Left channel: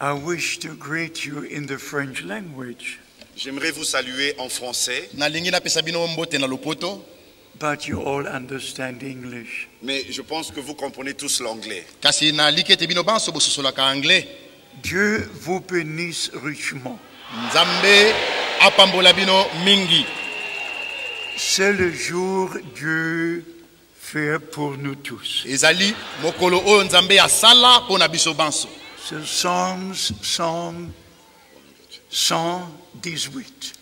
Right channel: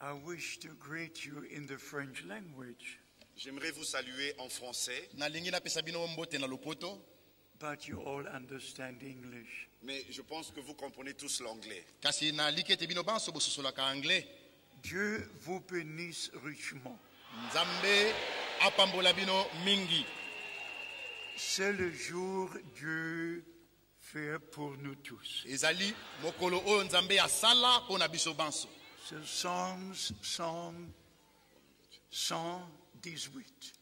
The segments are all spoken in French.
I wish to greet you in the French language. J'aimerais vous saluer en français, but you all understand English. mais je pense que vous comprenez tous l'anglais. Dieu vous bénisse richement. C'est le jour Dieu fait pour nous tous. C'est Psalms 118.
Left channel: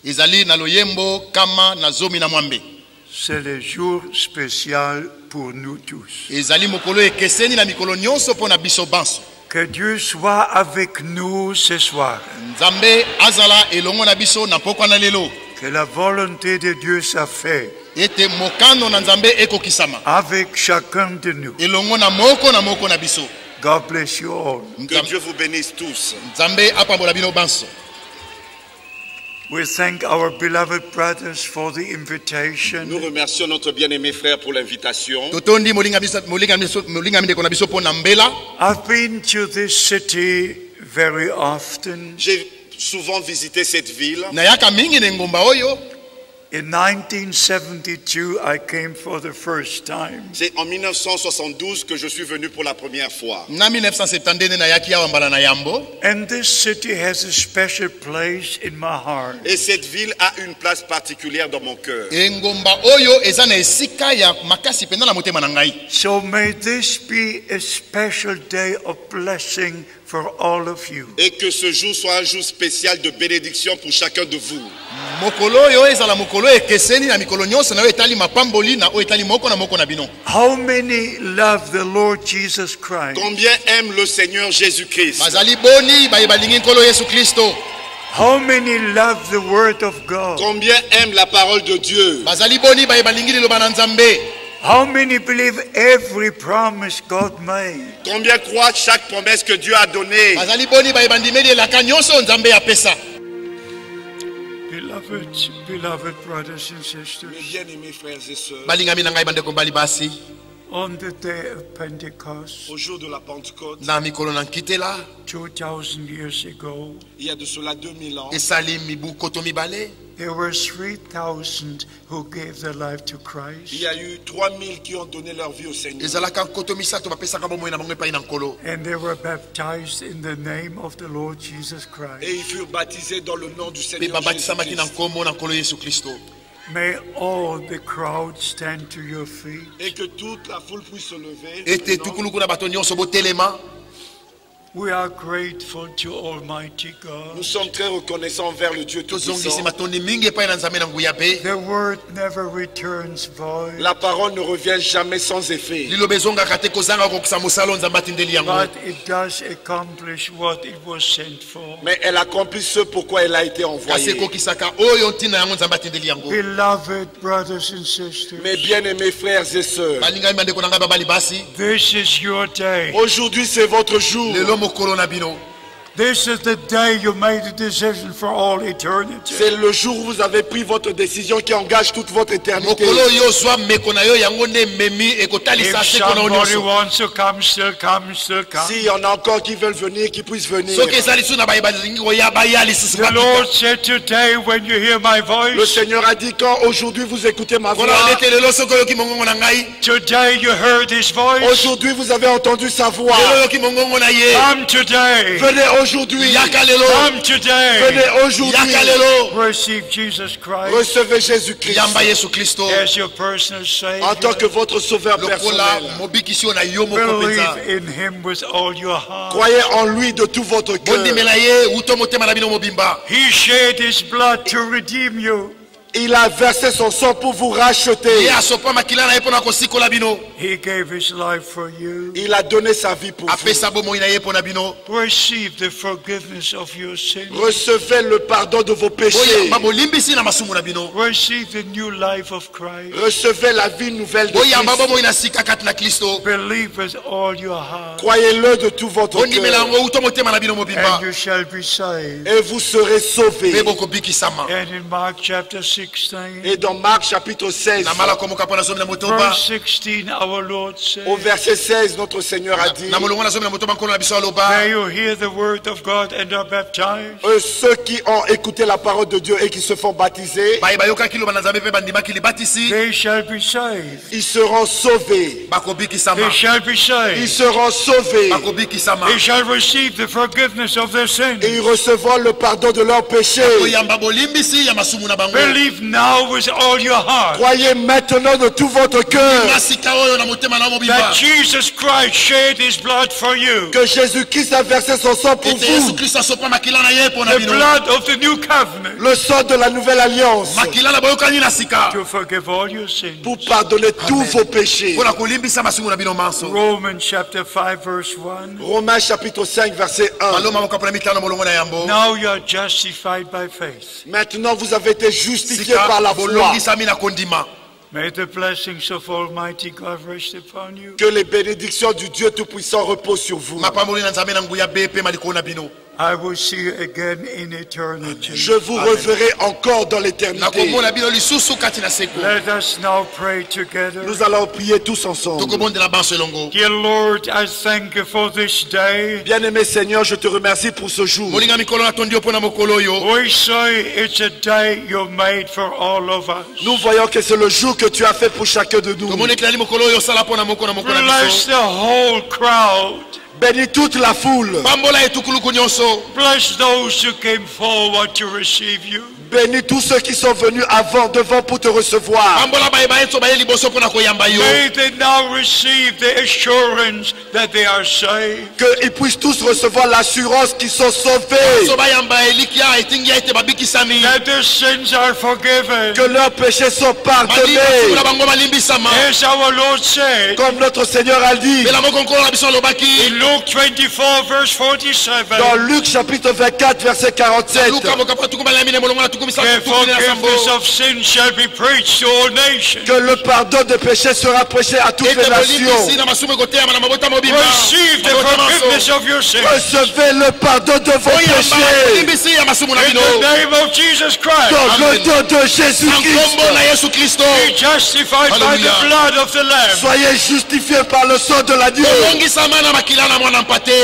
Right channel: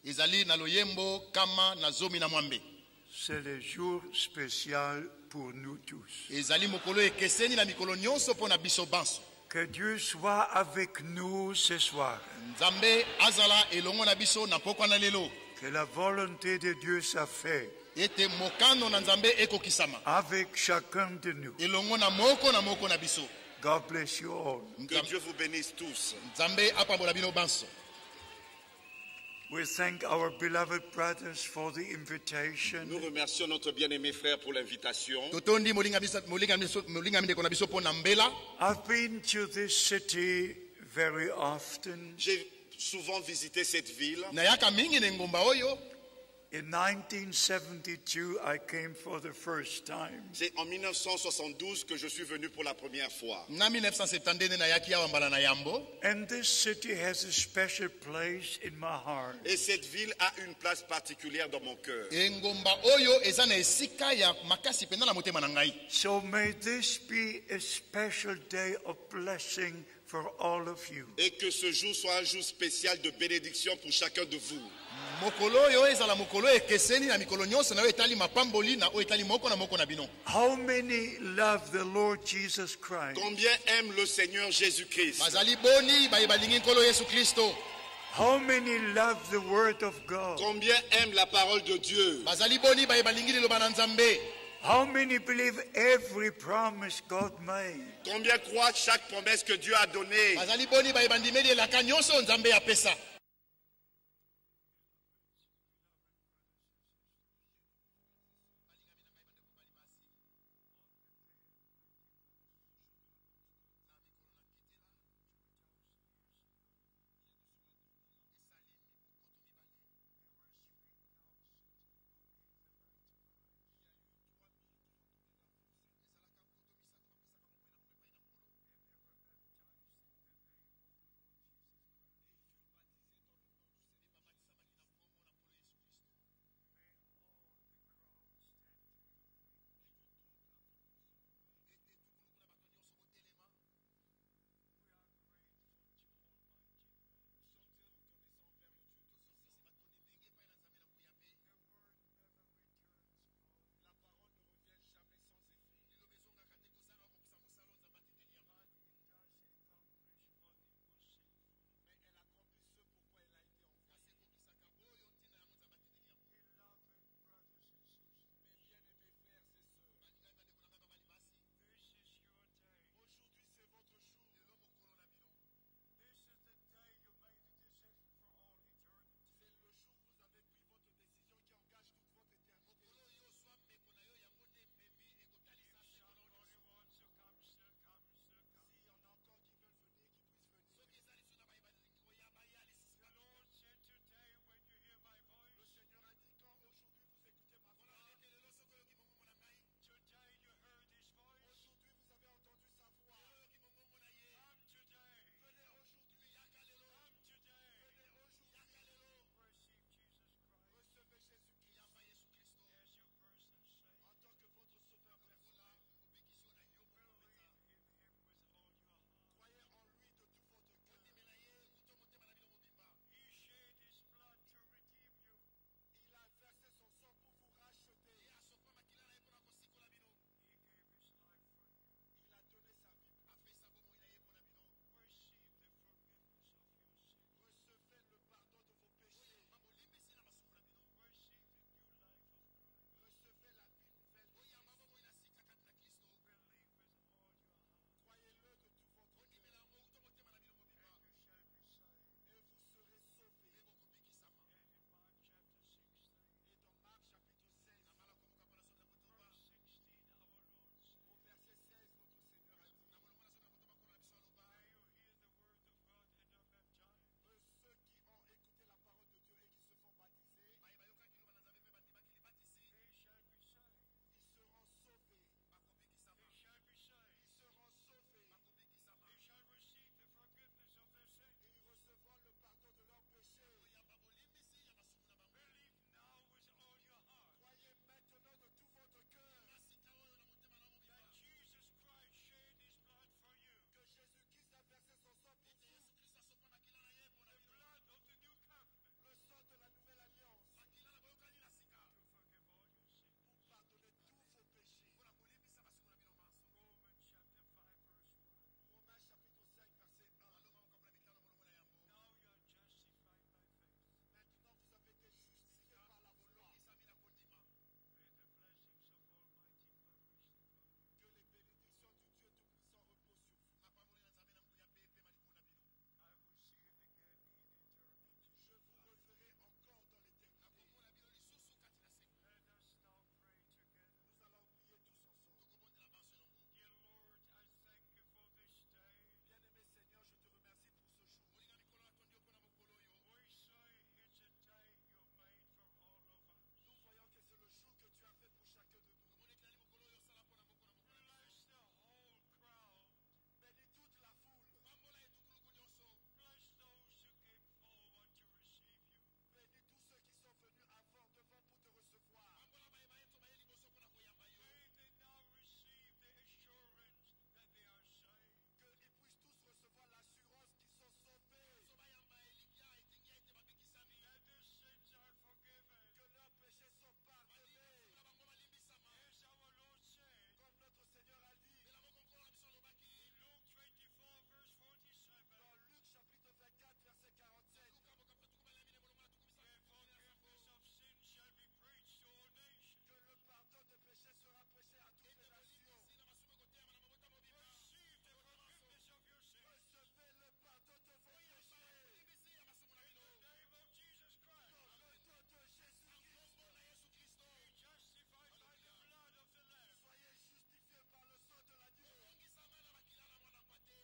C'est le jour spécial pour nous tous. Que Dieu soit avec nous ce soir. Que la volonté de Dieu soit faite avec chacun de nous. God bless you all. Que Dieu vous bénisse tous. We thank our beloved brothers for the Nous invitation. remercions notre bien-aimé frère pour l'invitation. I've been to this city very often. J'ai souvent visité cette ville. In 1972, I came for the first time. C'est en 1972 que je suis venu pour la première fois. And this city has a special place in my heart. Et cette ville a une place particulière dans mon cœur. So may this be a special day of blessing for all of you. Et que ce jour soit un jour spécial de bénédiction pour chacun de vous. How many love the Lord Jesus Christ? Combien aiment le Seigneur Jésus-Christ? How many love the Word of God? Combien aiment la parole de Dieu? How many believe every promise God made? Combien croient chaque promesse que Dieu a donnée? Beloved brothers and sisters, Mes bien-aimés frères et sœurs, on the day of Pentecost, au jour de la Pentecôte, 2000 years ago, il y a de cela 2000 ans, there were 3,000 who gave their life to il Christ, y a eu 3000 qui ont donné leur vie au Seigneur. and they were baptized in the name of the Lord Jesus Et Christ. ils furent baptisés dans le nom du Seigneur Jésus-Christ. May all the crowd stand to your feet. Et que toute la foule puisse se lever. We are grateful to Almighty God. Nous sommes très reconnaissants envers le Dieu Tout-Puissant. The word never returns void, La parole ne revient jamais sans effet. but it does accomplish what it was sent for. Mais elle accomplit ce pourquoi elle a été envoyée. Beloved brothers and sisters, Mes bien-aimés frères et sœurs, this is your day. aujourd'hui c'est votre jour. This is the day you made a decision for all eternity. C'est le jour où vous avez pris votre décision qui engage toute votre éternité. If somebody wants to come, still come, still come. S'il y en a encore qui veulent venir, qui puissent venir. The Lord said today, when you hear my Le voice, Seigneur a dit quand aujourd'hui vous écoutez ma voix, today you heard His voice. aujourd'hui vous avez entendu sa voix. Come today. Venez aujourd'hui. Come today. Venez aujourd'hui. Receive Jesus Christ Recevez Jésus-Christ as your personal en tant Savior. que votre sauveur personnel. Believe in Him with all your heart. Croyez en lui de tout votre cœur. He shed His blood to redeem you. Il a versé son sang pour vous racheter. He gave His life for you. Il a donné sa vie pour vous. Receive the forgiveness of your sins. Recevez le pardon de vos péchés. Receive the new life of Christ. Recevez la vie nouvelle de Christ. Believe with all your heart, Croyez-le de tout votre cœur. and you shall be saved. Et vous serez sauvés. And in Mark chapter 16, 16, Et dans Marc chapitre 16, verse 16, our Lord said, au verset 16, notre Seigneur a dit, may you hear the word of God and are baptized. ceux qui ont écouté la parole de Dieu et qui se font baptiser, They shall be saved. ils seront sauvés. They shall be Ils saved. seront sauvés. They shall receive the forgiveness of their sins. Et ils recevront le pardon de leurs péchés. Believe now with all your heart Croyez maintenant de tout votre cœur that Jesus Christ shed his blood for you. que Jésus-Christ a versé son sang pour vous. The blood of the new covenant Le sang de la nouvelle alliance to forgive all your sins. pour pardonner tous vos péchés. Romans chapter 5 verse 1. Romains chapitre 5 verset 1. Now you are justified by faith. Maintenant vous avez été justifiés par la foi. May the blessings of Almighty God rest upon you. Que les bénédictions du Dieu Tout-Puissant reposent sur vous. I will see you again in eternity. Je vous reverrai encore dans l'éternité. Let us now pray together. Nous allons prier tous ensemble. Dear Lord, I thank you for this day. Bien-aimé Seigneur, je te remercie pour ce jour. We say it's a day you made for all of us. Nous voyons que c'est le jour que tu as fait pour chacun de nous. Bless the whole crowd. Bénis toute la foule. Bless those who came forward to receive you. Bénis tous ceux qui sont venus devant pour te recevoir. May they now receive the assurance that they are saved. Qu'ils puissent tous recevoir l'assurance qu'ils sont sauvés. That their sins are forgiven. Que leurs péchés sont pardonnés. As our Lord said Comme notre Seigneur a dit. in Luke 24 verse 47. Dans Luc chapitre 24 verset 47. The forgiveness of sin shall be preached to all nations. Que le pardon des péchés sera prêché à toutes les nations. Receive the forgiveness of your sins. Recevez le pardon de vos péchés. In the name of Jesus Christ. Dans le nom de Jésus-Christ. Be justified by the blood of the Lamb. Soyez justifiés par le sang de l'agneau.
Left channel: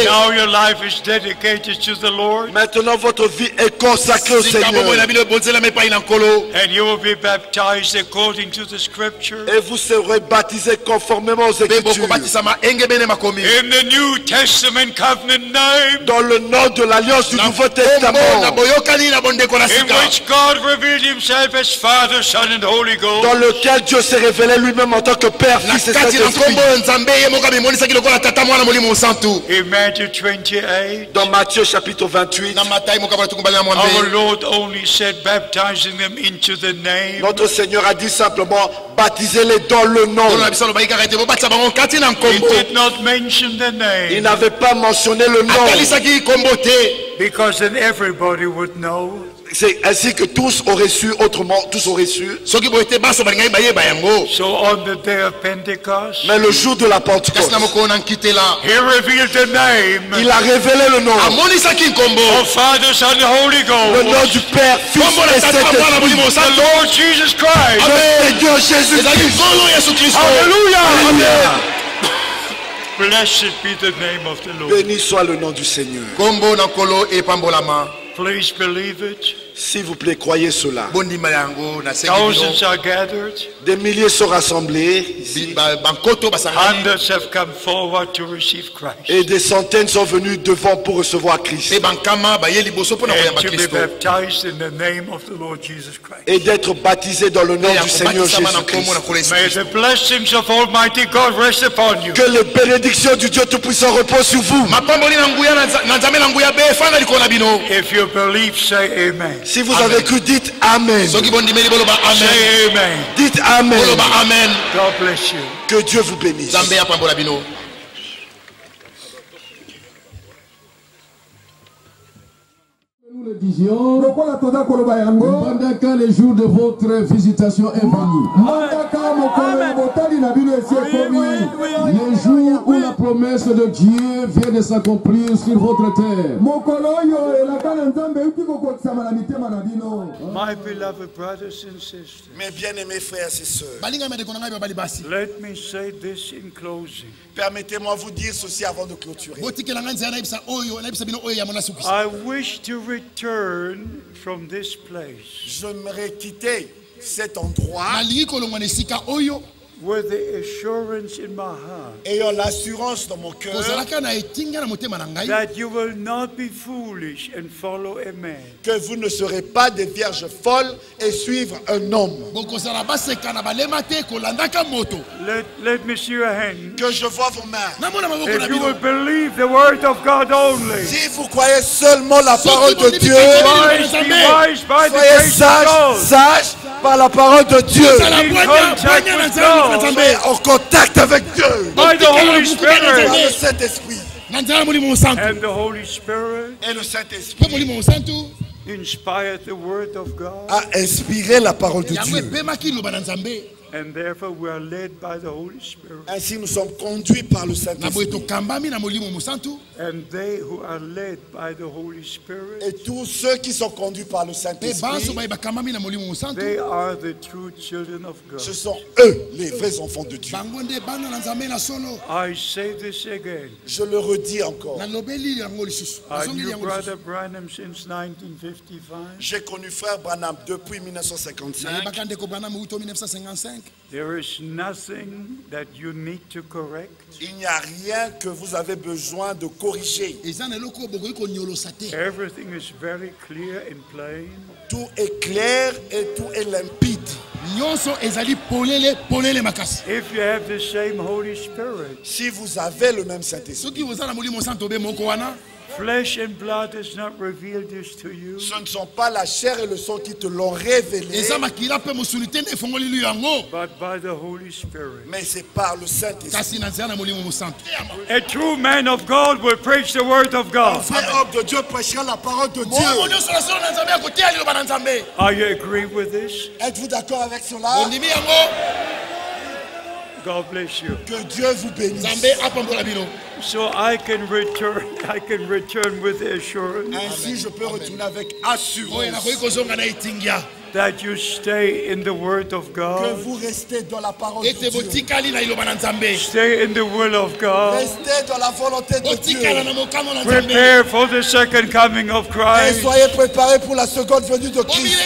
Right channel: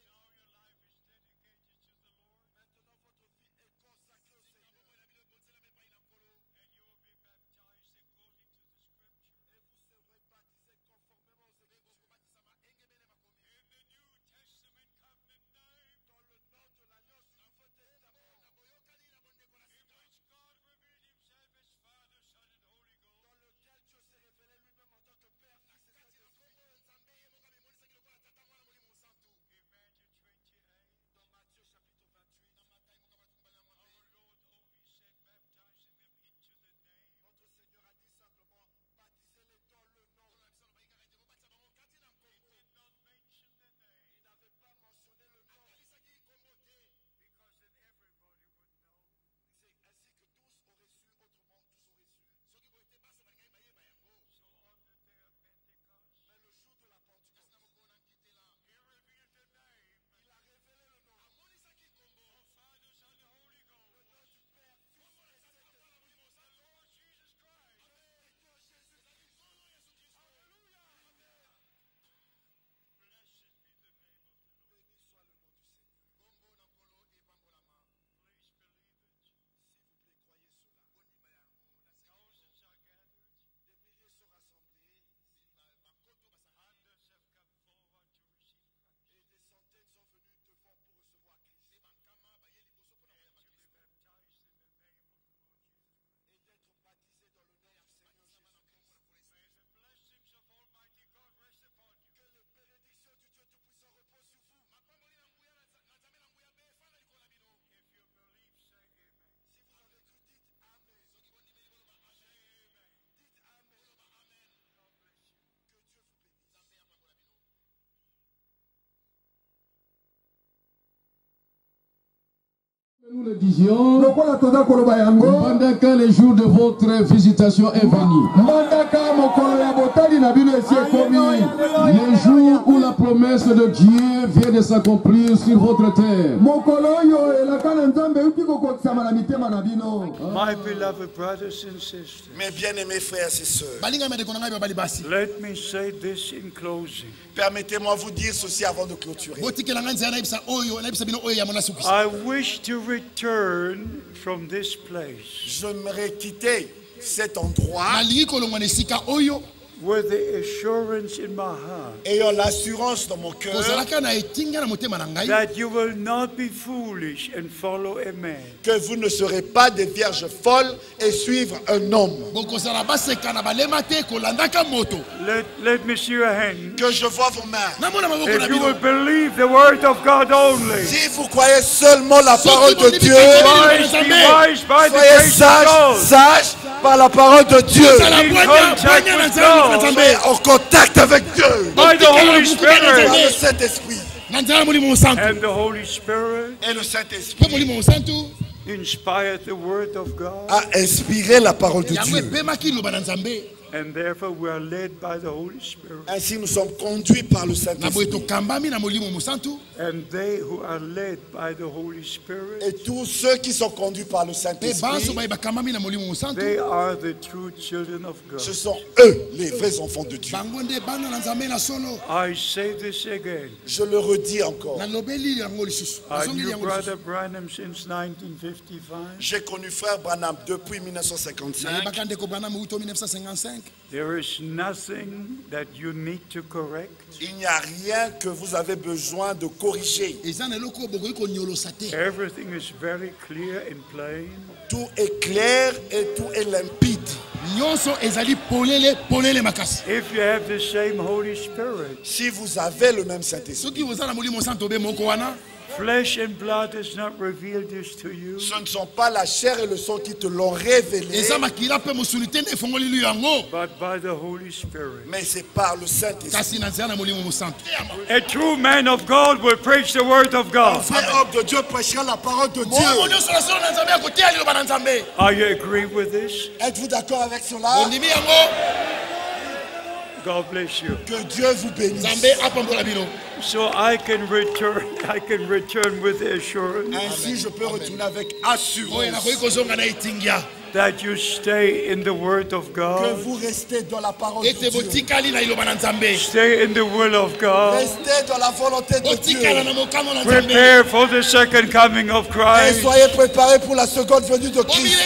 Now your life is dedicated to the Lord. Maintenant votre vie est consacrée au Seigneur. And you will be baptized according to the scripture. Et vous serez baptisés conformément aux Écritures. In the New Testament covenant name. Dans le nom de l'alliance du Nouveau Testament. In which God revealed himself as Father, Son and Holy Ghost. Dans lequel Dieu s'est révélé lui-même en tant que Père, Fils et Saint-Esprit. In Matthew 28. Dans Matthieu chapitre 28. Our Lord only said baptizing them into the name. Notre Seigneur a dit simplement baptisez-les dans le nom. He did not mention the name. Il n'avait pas mentionné le nom. Because then everybody would know. C'est ainsi que tous auraient su, autrement tous auraient su. So on the day of Pentecost, Mais le jour de la Pentecôte, he revealed the name il a révélé le nom. of Father, Son and Holy Le nom Ghost. du Père, Fils et Saint-Esprit. The Lord Jesus Christ. Le Seigneur Jésus-Christ. Hallelujah. Amen. Blessed be the name of the Lord. Béni soit le nom du Seigneur. Please believe it. S'il vous plaît, croyez cela. Thousands are gathered. Des milliers sont rassemblés ici, Hundreds have come forward to receive Christ. et des centaines sont venus devant pour recevoir Christ. And to be baptized in the name of the Lord Jesus Christ. Et d'être baptisés dans le nom du Seigneur Jésus-Christ. May the blessings of Almighty God rest upon you. Que les bénédictions du Dieu Tout-Puissant reposent sur vous. If you believe, say amen. Si vous avez cru, dites Amen. Say amen. Dites Amen. God bless you. Que Dieu vous bénisse. Nous le disions, pendant quand le jour de votre visitation est venu, le jour où la promesse de Dieu vient de s'accomplir sur votre terre. My beloved brothers and sisters, Mes bien-aimés frères et sœurs, let me say this in closing. permettez-moi de vous dire ceci avant de clôturer. I wish to return from this place J'aimerais quitter cet endroit with the assurance in my heart ayant l'assurance dans mon cœur that you will not be foolish and follow a man. que vous ne serez pas des vierges folles et suivre un homme. Let me see your hand. Que je vois vos mains. If you will believe the word of God only, Si vous croyez seulement la parole de Dieu, wise, be wise by the soyez grace of sages, God. sages par la parole de Dieu. In contact with God. Soyez en contact avec Dieu. By the Holy Par Spirit. le Saint-Esprit. And the Holy Spirit Et le Saint-Esprit inspired the word of God. a inspiré la parole de Dieu. And therefore we are led by the Holy Spirit. Ainsi nous sommes conduits par le Saint-Esprit. And they who are led by the Holy Spirit, Et tous ceux qui sont conduits par le Saint-Esprit, they are the true children of God. ce sont eux les vrais enfants de Dieu. I say this again. Je le redis encore. I knew Brother Branham since 1955. J'ai connu frère Branham depuis 1955. There is nothing that you need to correct. Il n'y a rien que vous avez besoin de corriger. Everything is very clear and plain. Tout est clair et tout est limpide. If you have the same Holy Spirit, Si vous avez le même Saint-Esprit, flesh and blood has not revealed this to you, ce ne sont pas la chair et le sang qui te l'ont révélé, but by the Holy Spirit. mais c'est par le Saint-Esprit. A true man of God will preach the word of Un God. vrai homme de Dieu prêchera la parole de Dieu. Are you agree with this? Êtes-vous d'accord avec cela? God bless you. Que Dieu vous bénisse. So I can return with the assurance Ainsi, je peux retourner avec assurance that you stay in the word of que God. vous restez dans la parole de Dieu. Stay in the will of God. Restez dans la volonté de Dieu. Prepare for the second coming of Et Christ. soyez préparés pour la seconde venue de Christ.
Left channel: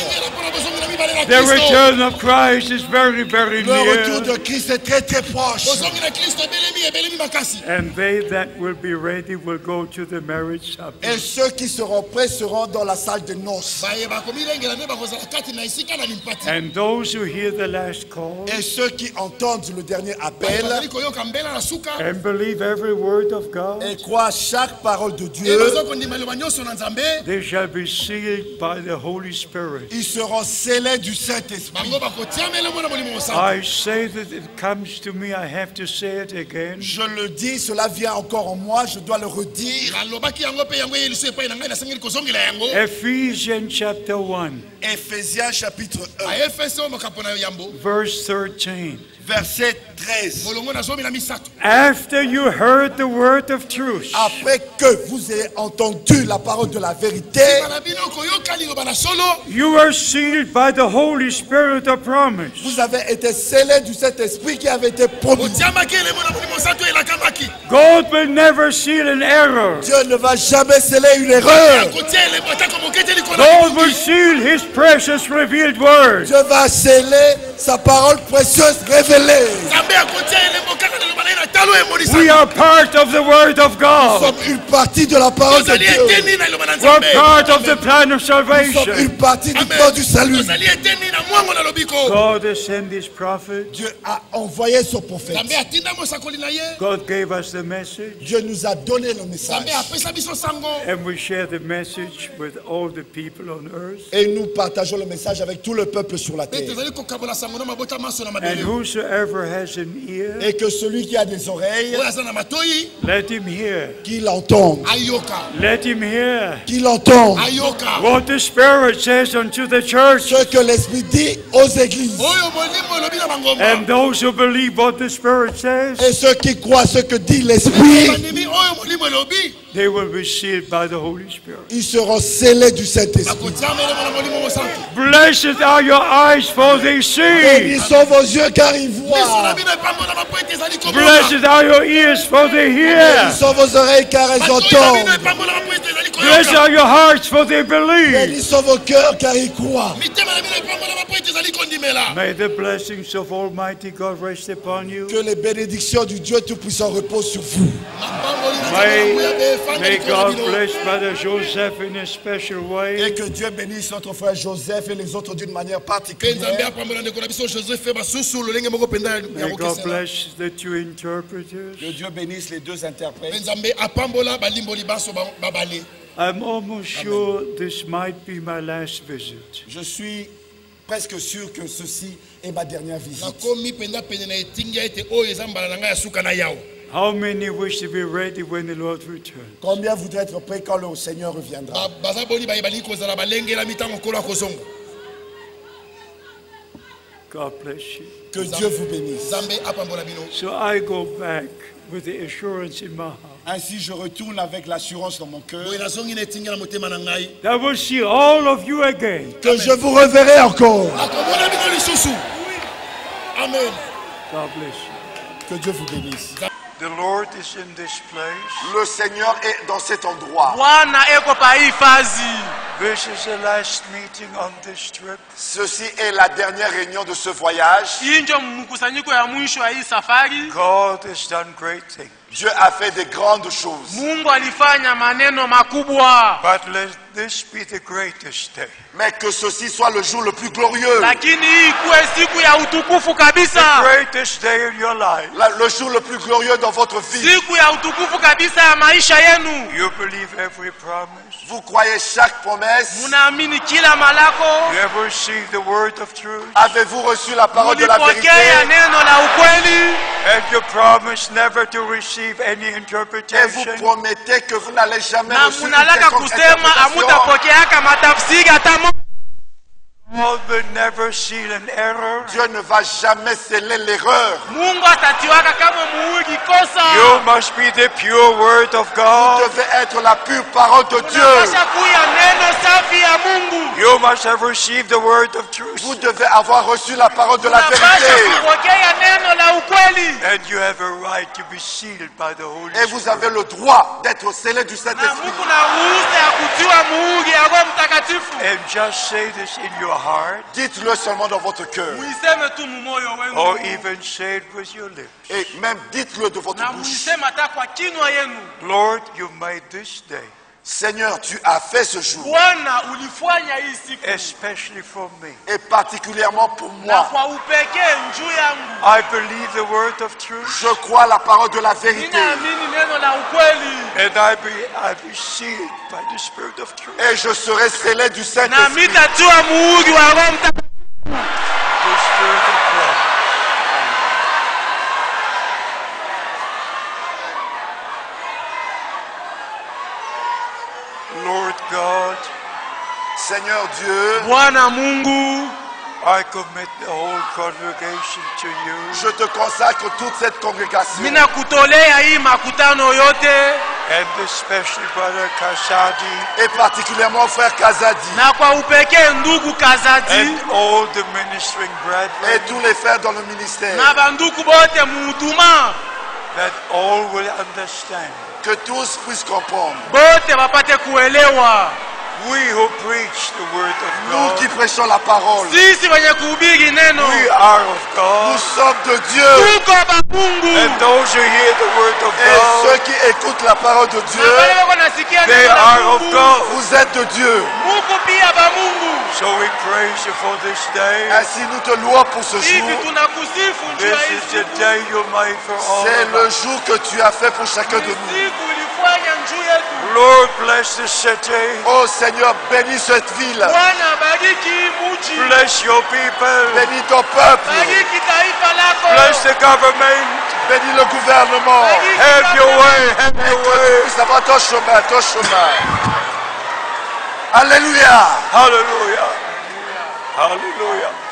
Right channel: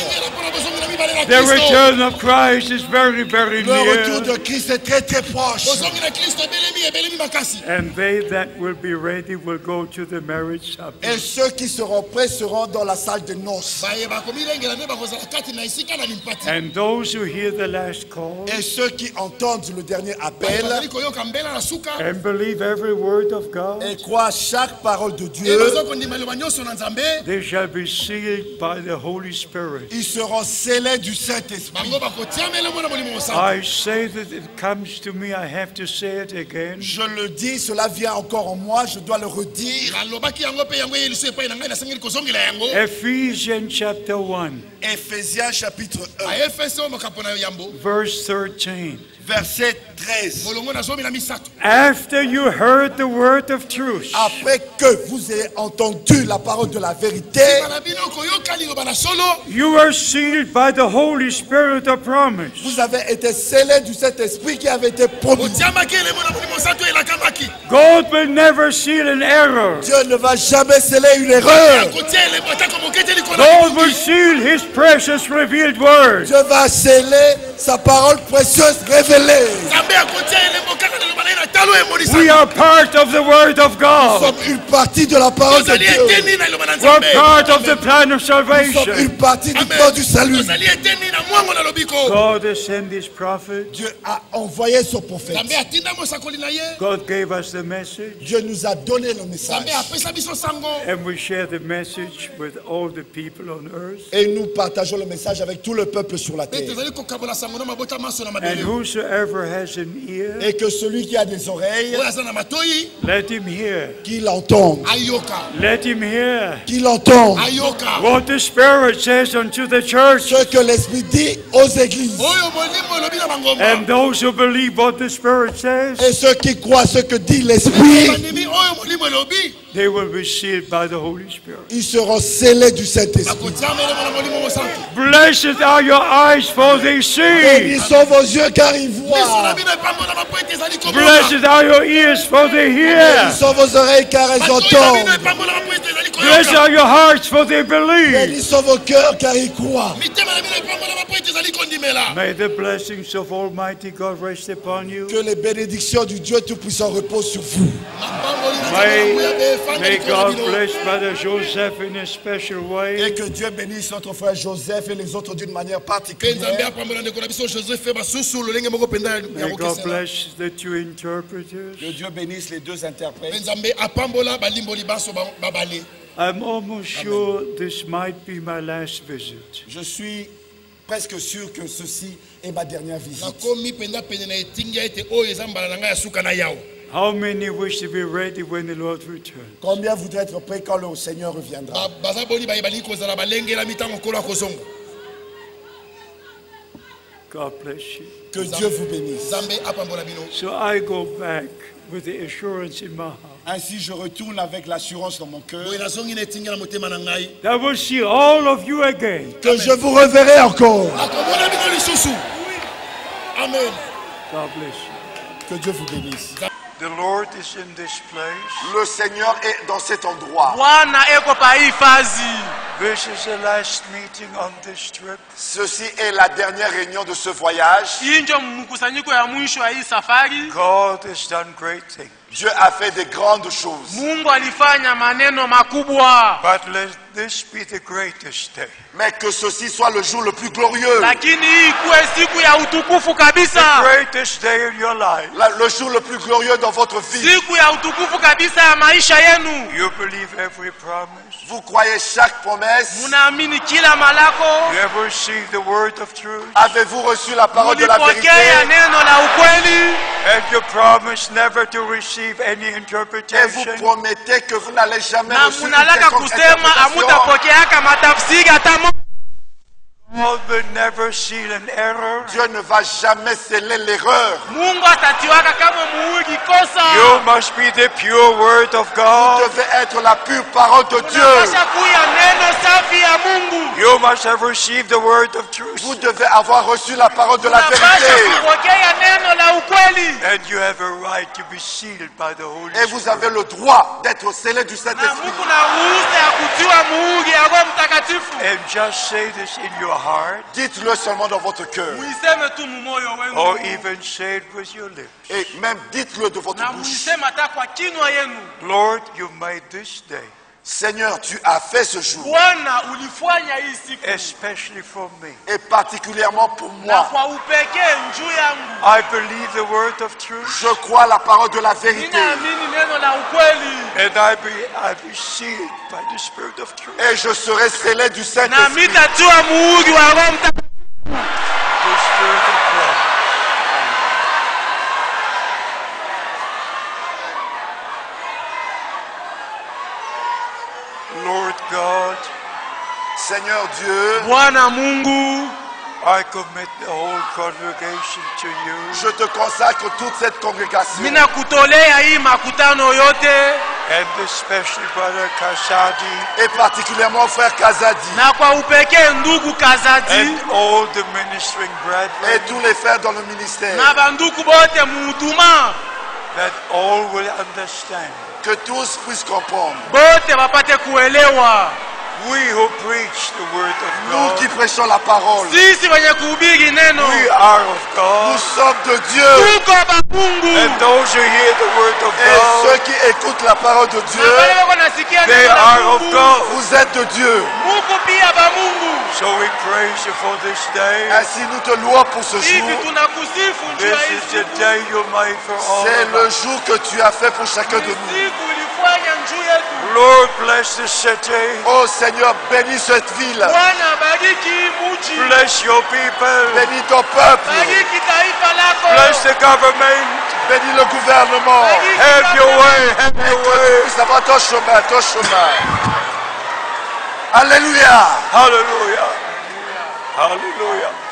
The return of Christ is very, very Le retour near. de Christ est très très proche. And they that will be ready will go to the marriage supper. Et ceux qui seront prêts seront dans la salle de noces. And those who hear the last call Et ceux qui entendent le dernier appel and believe every word of God, et croient chaque parole de Dieu, they shall be sealed by the Holy Spirit. ils seront scellés du Saint-Esprit. I say that it comes to me, I have to say it again. Je le dis, cela vient encore en moi, je dois le redire. Ephesians chapter 1, Éphésiens chapitre 1, verse 13. verset 13. After you heard the word of truth, Après que vous ayez entendu la parole de la vérité, you are sealed by the Holy Spirit of promise. vous avez été scellés du Saint-Esprit qui avait été promis. God will never seal an error. Dieu ne va jamais sceller une erreur. God will seal His precious revealed word. Dieu va sceller sa parole précieuse révélée. We are part of the word of Nous God. sommes une partie de la parole de Dieu. We're part of the plan of Nous sommes salvation. une partie du plan du salut. God has sent His prophet. Dieu a envoyé son prophète. God gave us the message, Dieu nous a donné le message. and we share the message with all the people on earth. Et nous partageons le message avec tout le peuple sur la terre. And whosoever has an ear, Et que celui qui a des des oreilles, let him hear. qu'il entende. Let him hear Qu'il entende what the Spirit says unto the church. ce que l'Esprit dit aux églises. And those who believe what the Spirit says, Et ceux qui croient ce que dit l'Esprit, they will be sealed by the Holy Spirit. ils seront scellés du Saint-Esprit. Blessed are your eyes, for they see. Bénis sont vos yeux car ils voient. Blessed are your ears, for they Bénis hear. sont vos oreilles car elles entendent. Blessed are your hearts, for they believe. Bénis sont vos cœurs car ils croient. May the blessings of Almighty God rest upon you. Que les bénédictions du Dieu Tout-Puissant reposent sur vous. May God bless Brother Joseph in a special Et way. que Dieu bénisse notre frère Joseph et les autres d'une manière particulière. May God bless the two interpreters. Que Dieu bénisse les deux interprètes. I'm almost sure this might be my last visit. Je suis presque sûr que ceci est ma dernière visite. How many wish to be ready when the Lord returns? Combien voudraient être prêts quand le Seigneur reviendra? God bless you. Que Dieu vous bénisse. So I go back with the assurance in my heart Ainsi, je retourne avec l'assurance dans mon cœur that I will see all of you again. que je vous reverrai encore. Amen. God bless you. Que Dieu vous bénisse. The Lord is in this place. Le Seigneur est dans cet endroit. This is the last meeting on this trip. Ceci est la dernière réunion de ce voyage. God has done great things. Dieu a fait de grandes choses. But let this be the greatest day. Mais que ceci soit le jour le plus glorieux. The greatest day in your life. Le jour le plus glorieux dans votre vie. You believe every promise. Vous croyez chaque promesse. You have received the word of truth. Avez-vous reçu la parole de la vérité? And you promise never to receive any Et vous interpretation. promettez que vous n'allez jamais na recevoir une munalaka quelconque kusema interprétation. amutapokeaka matafsiri hata moja. God will never seal an error. Dieu ne va jamais sceller l'erreur. Mungu atatiwaka kama muhuri kosa. You must be the pure word of Vous God. devez être la pure parole de Dieu. Unapasha kuya neno safi ya Mungu. You must have received the word of truth. Vous devez avoir reçu la parole de la Unapasha vérité. kupokea neno la ukweli. And you have a right to be sealed by the Holy Et vous Spirit. avez le droit d'être scellé du Na Saint-Esprit. Mungu na ruhusa ya kutiwa muhuri ya Roho Mtakatifu. And just say this in your heart, Dites-le seulement dans votre cœur. Muiseme tu mumoyo wenu. or even say it with your lips. Et même dites-le de votre Na bouche. muiseme hata kwa kinywa yenu. Lord, you made this day, Seigneur, tu as fait ce jour. Bwana ulifanya hii siku. especially for me. Et particulièrement pour Na moi. kwa upekee njuu yangu. I believe the word of truth, Je crois la parole de la vérité. Ninaamini neno la ukweli. and I be sealed by the Spirit of truth. Et je serai scellé du Na Saint-Esprit. mitatiwa muhuri wa Roho Mtakatifu. The Spirit of God. Lord God, Seigneur Dieu, Bwana Mungu, I commit the whole congregation to you. je te consacre toute cette congrégation. mina kutolea hii makutano yote And especially Brother Kasadi Et particulièrement frère Kazadi. na kwa upekee ndugu Kazadi and all the ministering Et brethren, tous les frères dans le ministère. na banduku bote muhuduma that all will understand. Que tous puissent comprendre. bote bapate kuelewa. We who preach the word of Nous qui God, prêchons la parole. Sisi wenye kuhubiri neno we are of Nous God, sommes de Dieu. tuko ba Mungu. and those who hear the word of Et ceux God, qui écoutent la parole de Na Dieu, wale wako nasikia they neno la are of Mungu. God. vous êtes de Dieu. Muko pia ba Mungu. So we praise you for this day. Ainsi nous te louons pour ce Hivi jour. tunakusifu njuu ya This hii is the siku. day you made for all C'est of le us. jour que tu as fait pour chacun de nous. Siku ulifanya Lord, bless this city. Oh Seigneur, bénis cette ville. Bless your people. Bénis ton peuple. Bless the government. Bénis le gouvernement. Have your way. Have your way. Ça va ton chemin, ton chemin. Alléluia. Hallelujah. Hallelujah.